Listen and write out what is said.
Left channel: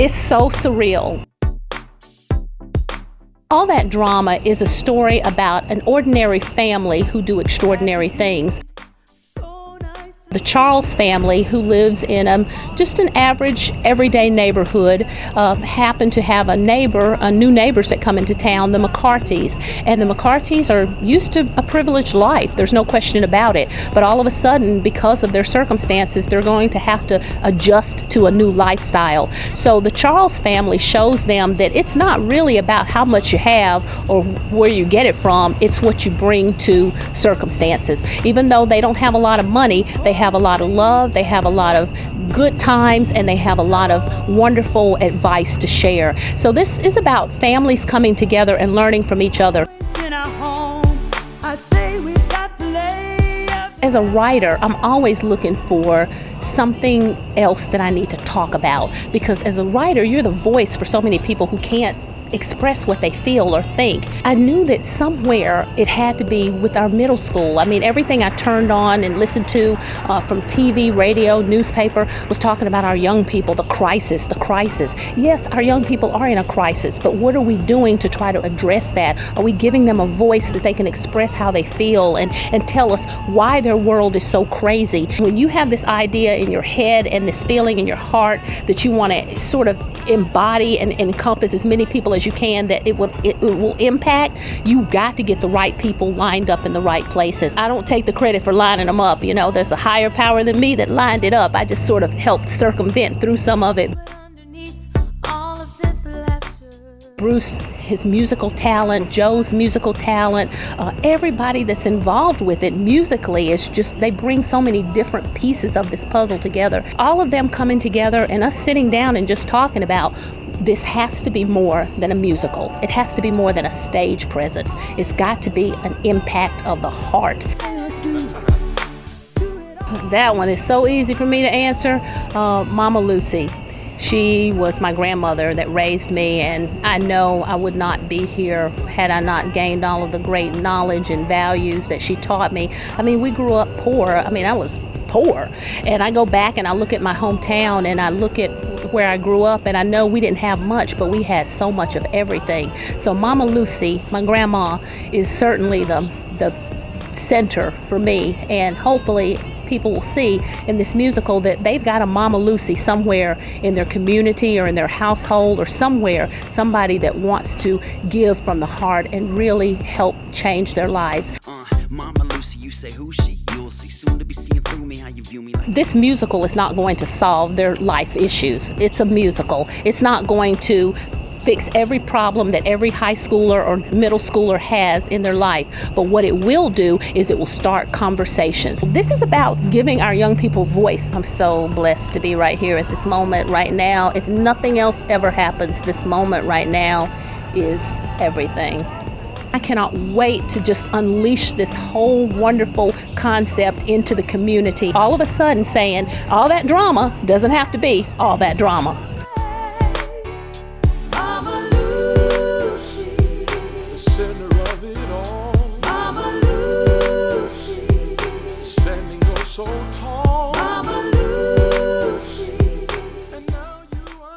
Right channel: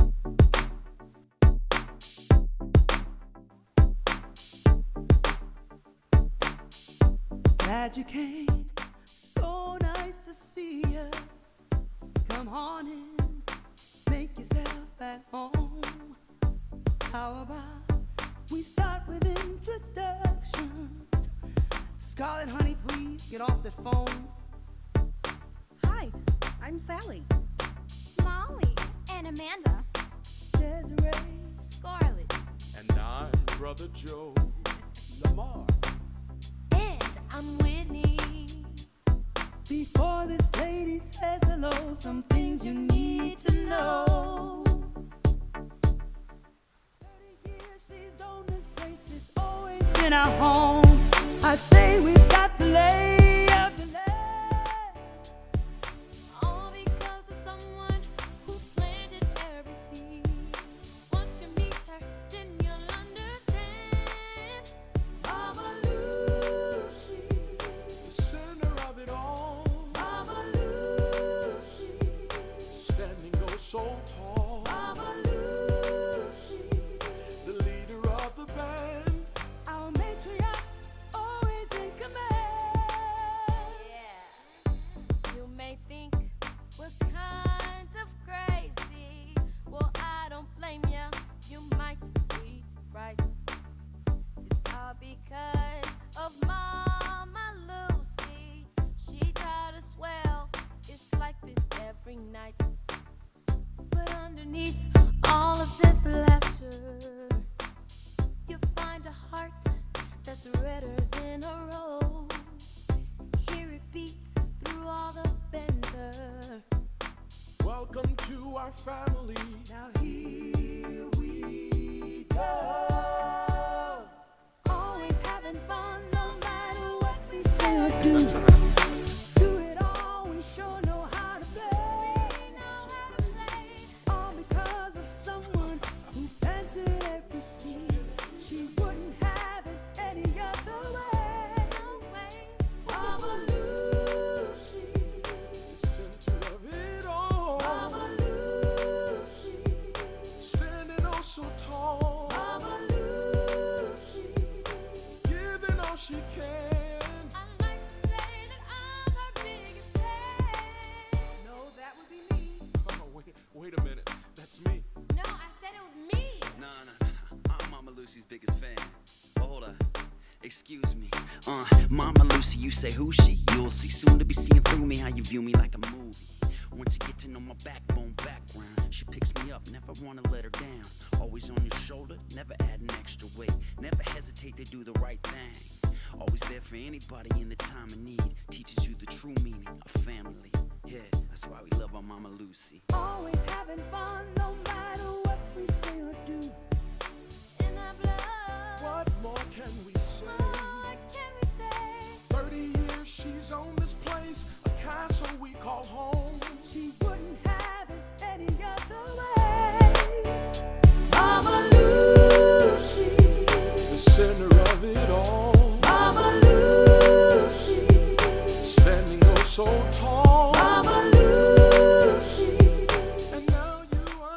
It's so surreal. All That Drama is a story about an ordinary family who do extraordinary things. The Charles family, who lives in just an average, everyday neighborhood, happen to have new neighbors that come into town, the McCarthys. And the McCarthys are used to a privileged life, there's no question about it. But all of a sudden, because of their circumstances, they're going to have to adjust to a new lifestyle. So the Charles family shows them that it's not really about how much you have or where you get it from, it's what you bring to circumstances. Even though they don't have a lot of money, they have a lot of love, they have a lot of good times, and they have a lot of wonderful advice to share. So this is about families coming together and learning from each other. As a writer, I'm always looking for something else that I need to talk about, because as a writer, you're the voice for so many people who can't express what they feel or think. I knew that somewhere it had to be with our middle school. I mean, everything I turned on and listened to from TV, radio, newspaper was talking about our young people, the crisis, the crisis. Yes, our young people are in a crisis, but what are we doing to try to address that? Are we giving them a voice that they can express how they feel and tell us why their world is so crazy? When you have this idea in your head and this feeling in your heart that you want to sort of embody and encompass as many people as you can, that it will impact, you've got to get the right people lined up in the right places. I don't take the credit for lining them up. You know, there's a higher power than me that lined it up. I just sort of helped circumvent through some of it. Bruce, his musical talent, Joe's musical talent, everybody that's involved with it musically is just, they bring so many different pieces of this puzzle together. All of them coming together and us sitting down and just talking about, this has to be more than a musical. It has to be more than a stage presence. It's got to be an impact of the heart. That one is so easy for me to answer. Mama Lucy. She was my grandmother that raised me, and I know I would not be here had I not gained all of the great knowledge and values that she taught me. I mean, we grew up poor. I mean, I was poor. And I go back and I look at my hometown and I look at where I grew up, and I know we didn't have much, but we had so much of everything. So Mama Lucy, my grandma, is certainly the center for me, and hopefully people will see in this musical that they've got a Mama Lucy somewhere in their community or in their household or somewhere, somebody that wants to give from the heart and really help change their lives. Mama Lucy, you say who's she? You'll see soon to be seeing through me how you view me like. This musical is not going to solve their life issues. It's a musical. It's not going to fix every problem that every high schooler or middle schooler has in their life. But what it will do is it will start conversations. This is about giving our young people voice. I'm so blessed to be right here at this moment right now. If nothing else ever happens, this moment right now is everything. I cannot wait to just unleash this whole wonderful concept into the community. All of a sudden saying all that drama doesn't have to be all that drama.